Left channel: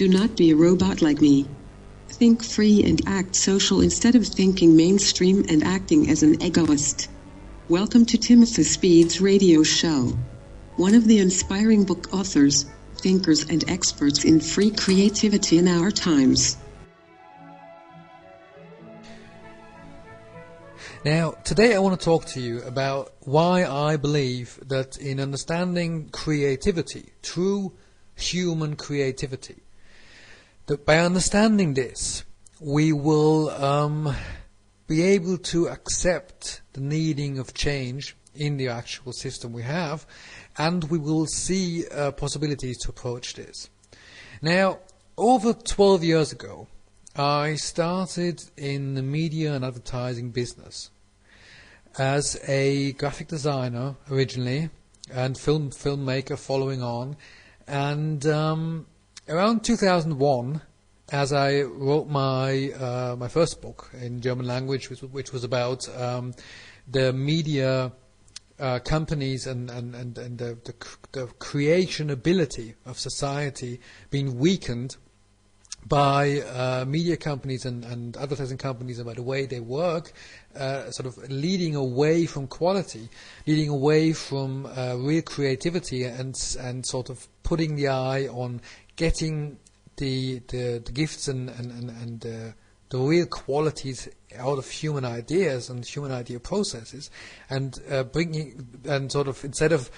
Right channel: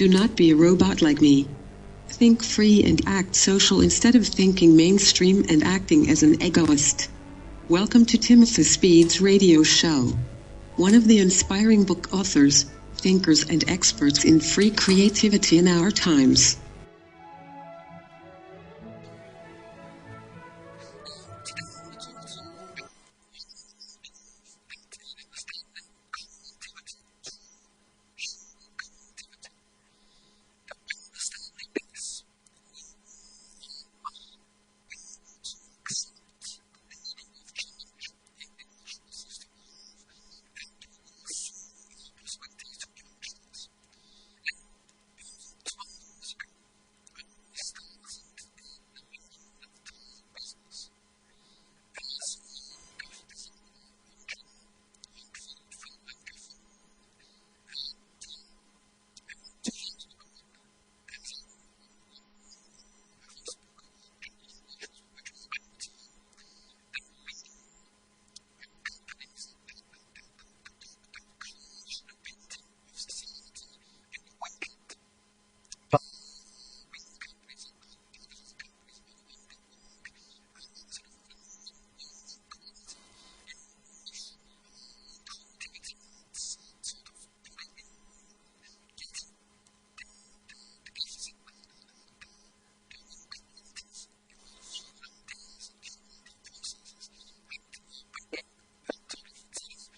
Do not be a robot like me. Think free and act social instead of thinking mainstream and acting as an egoist. Welcome to Timothy Speed's radio show. One of the inspiring book authors, thinkers and experts in free creativity in our times. Now, today I want to talk to you about why I believe that in understanding creativity, true human creativity, that by understanding this, we will be able to accept the needing of change in the actual system we have, and we will see possibilities to approach this. Now, over 12 years ago, I started in the media and advertising business as a graphic designer originally and filmmaker following on, and around 2001, as I wrote my my first book in German language, which was about the media companies and the creation ability of society being weakened by media companies and advertising companies and by the way they work, sort of leading away from quality, leading away from real creativity, and sort of putting the eye on getting the gifts and the real qualities out of human ideas and human idea processes, and bringing, and sort of, instead of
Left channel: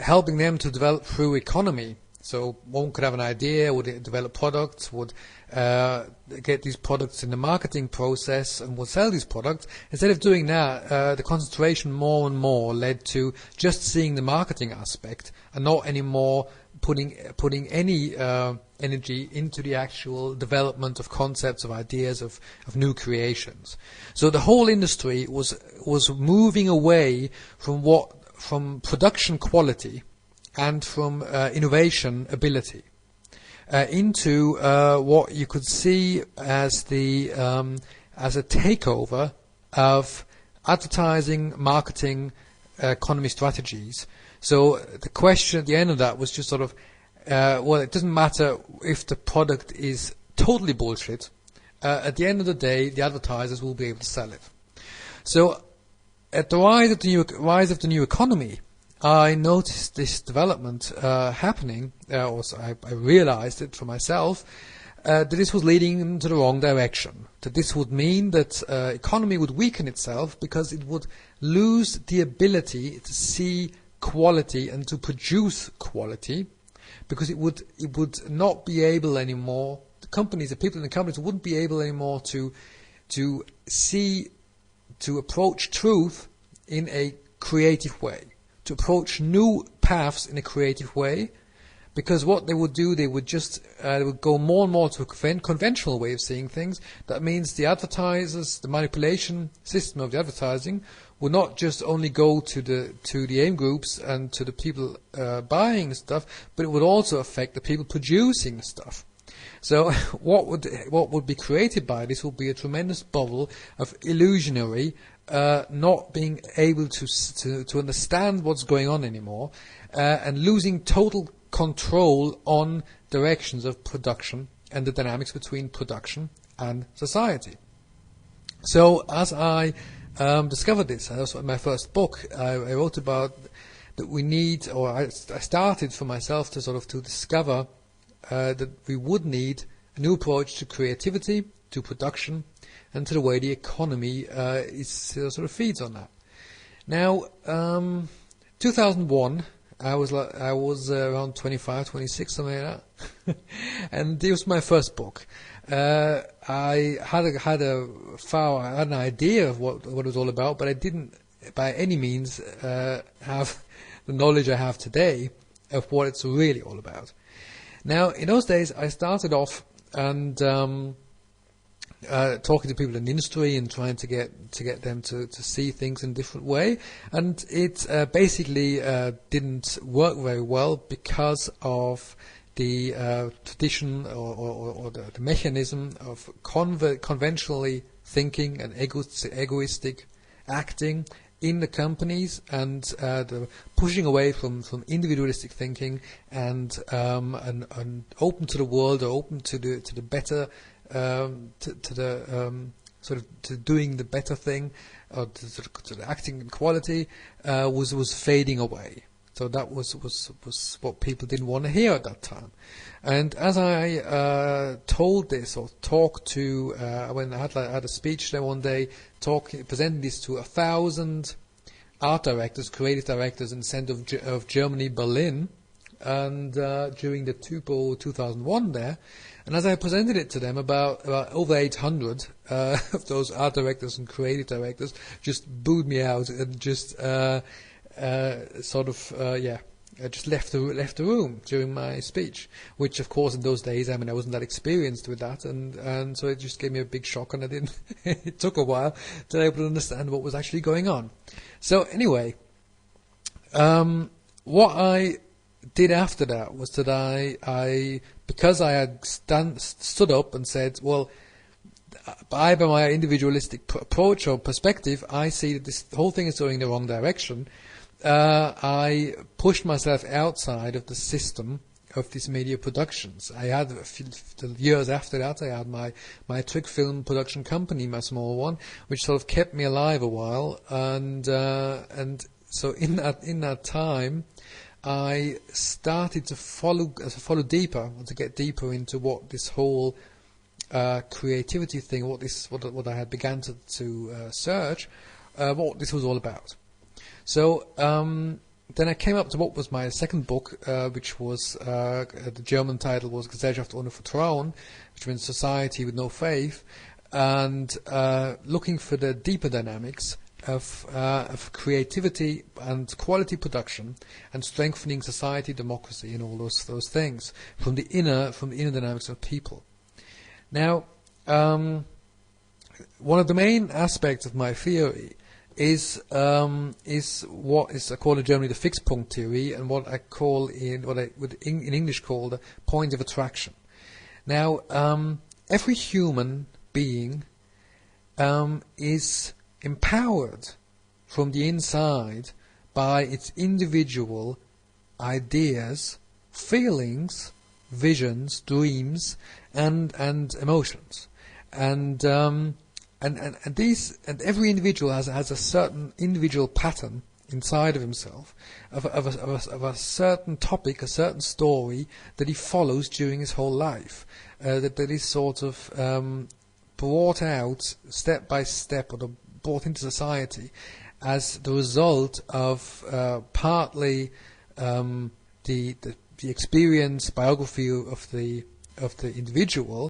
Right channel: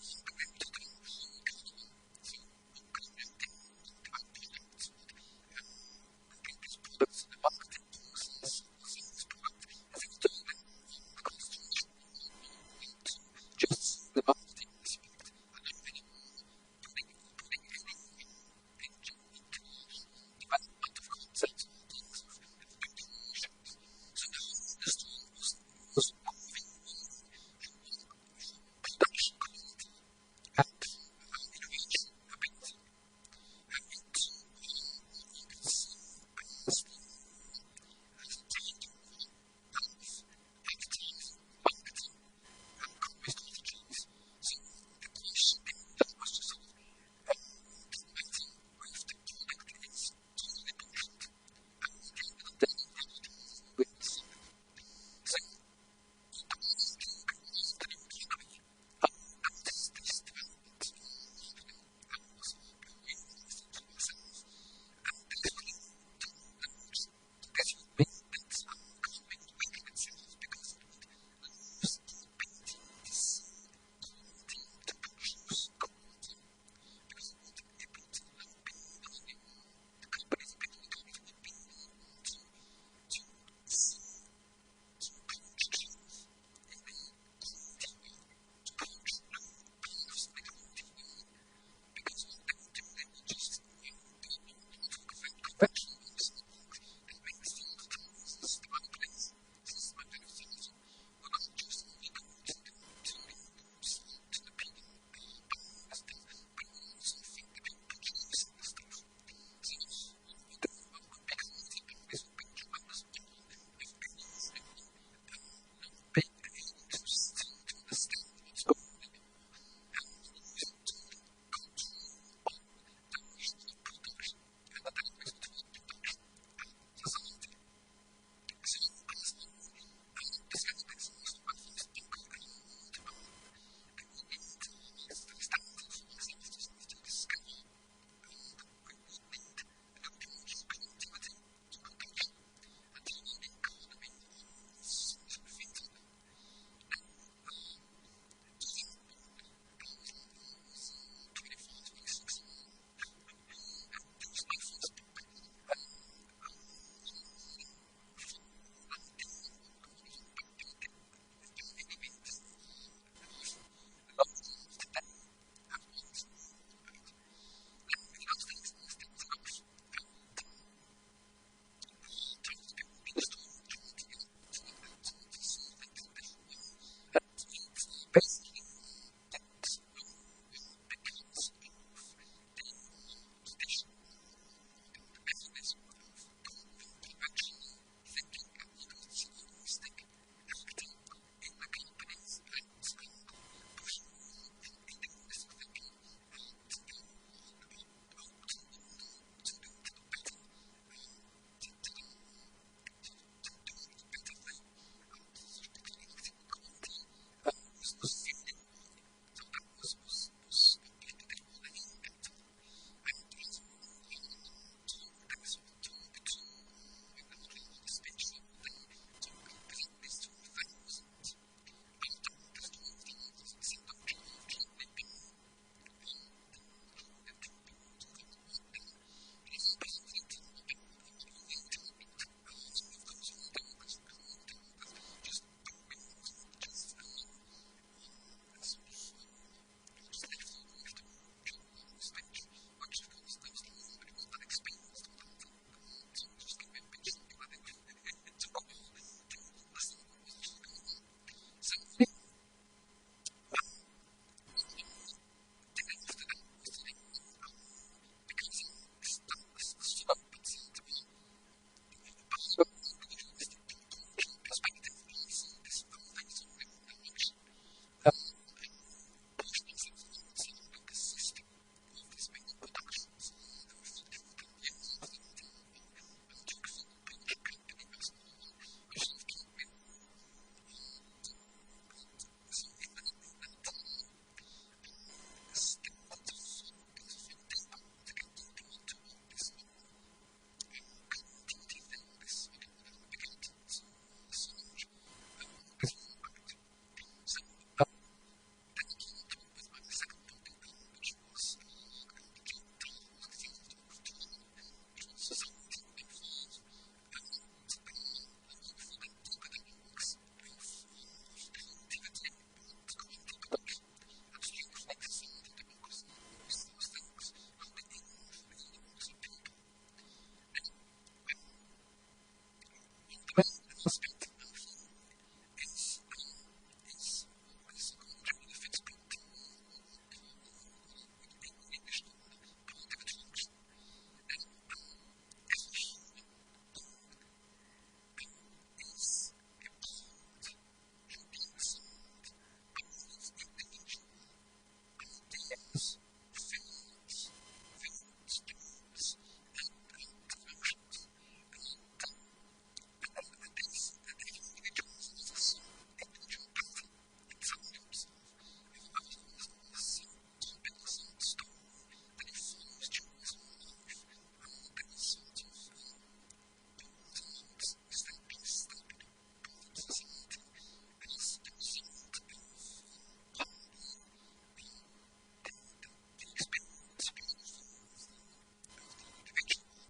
helping them to develop through economy. So one could have an idea, would develop products, would get these products in the marketing process and would sell these products. Instead of doing that, the concentration more and more led to just seeing the marketing aspect and not anymore putting any energy into the actual development of concepts, of ideas, of new creations. So the whole industry was moving away from production quality and from innovation ability into what you could see as a takeover of advertising, marketing, economy strategies. So the question at the end of that was just sort of, well, it doesn't matter if the product is totally bullshit. At the end of the day, the advertisers will be able to sell it. So at the rise of the new economy, I noticed this development happening, or I realized it for myself, that this was leading into the wrong direction. That this would mean that economy would weaken itself because it would lose the ability to see quality and to produce quality, because it would not be able anymore. The people in the companies wouldn't be able anymore to approach truth in a creative way, to approach new paths in a creative way, because what they would do, they would go more and more to a conventional way of seeing things. That means the advertisers, the manipulation system of the advertising, would not just only go to the aim groups and to the people buying stuff, but it would also affect the people producing stuff. So what would be created by this would be a tremendous bubble of illusionary, not being able to understand what's going on anymore, and losing total control on directions of production and the dynamics between production and society. So as I discovered this, and also in my first book, I wrote about that we need, or I started for myself to discover that we would need a new approach to creativity, to production, and to the way the economy sort of feeds on that. Now, 2001, I was around 25, 26, something like that, and it was my first book. I had an idea of what it was all about, but I didn't by any means have the knowledge I have today of what it's really all about. Now, in those days, I started off and talking to people in the industry and trying to get them to see things in a different way, and it basically didn't work very well because of the tradition or the mechanism of conventionally thinking and egoistic acting in the companies, and the pushing away from individualistic thinking and open to the world, or open to the better, to the sort of to doing the better thing, or to the acting in quality, was fading away. So that was what people didn't want to hear at that time. And as I told this, or talked to, when I had a speech there one day, presenting this to 1,000 art directors, creative directors in the center of Germany, Berlin, and during the TUPO 2001 there. And as I presented it to them, about over 800 of those art directors and creative directors just booed me out and just just left the room during my speech, which of course in those days, I wasn't that experienced with that, and so it just gave me a big shock, and I didn't. It took a while to be able to understand what was actually going on. So anyway, what I did after that was that I because I had stood up and said, well, by my individualistic approach or perspective, I see that this whole thing is going in the wrong direction. I pushed myself outside of the system of these media productions. I had the years after that, I had my trick film production company, my small one, which sort of kept me alive a while. And so in that time, I started to follow deeper, to get deeper into what this whole creativity thing, what I had began to search, what this was all about. So then I came up to what was my second book, which was the German title was Gesellschaft ohne Vertrauen, which means society with no faith, and looking for the deeper dynamics of creativity and quality production, and strengthening society, democracy, and all those things from the inner dynamics of people. Now, one of the main aspects of my theory is what is called in Germany the Fixpunkt theory, and what I would in English call the point of attraction. Now, every human being is empowered from the inside by its individual ideas, feelings, visions, dreams, and emotions, and every individual has a certain individual pattern inside of himself of a certain topic, a certain story that he follows during his whole life, that is sort of brought out step by step, or brought into society as the result of partly the experience, biography of the individual,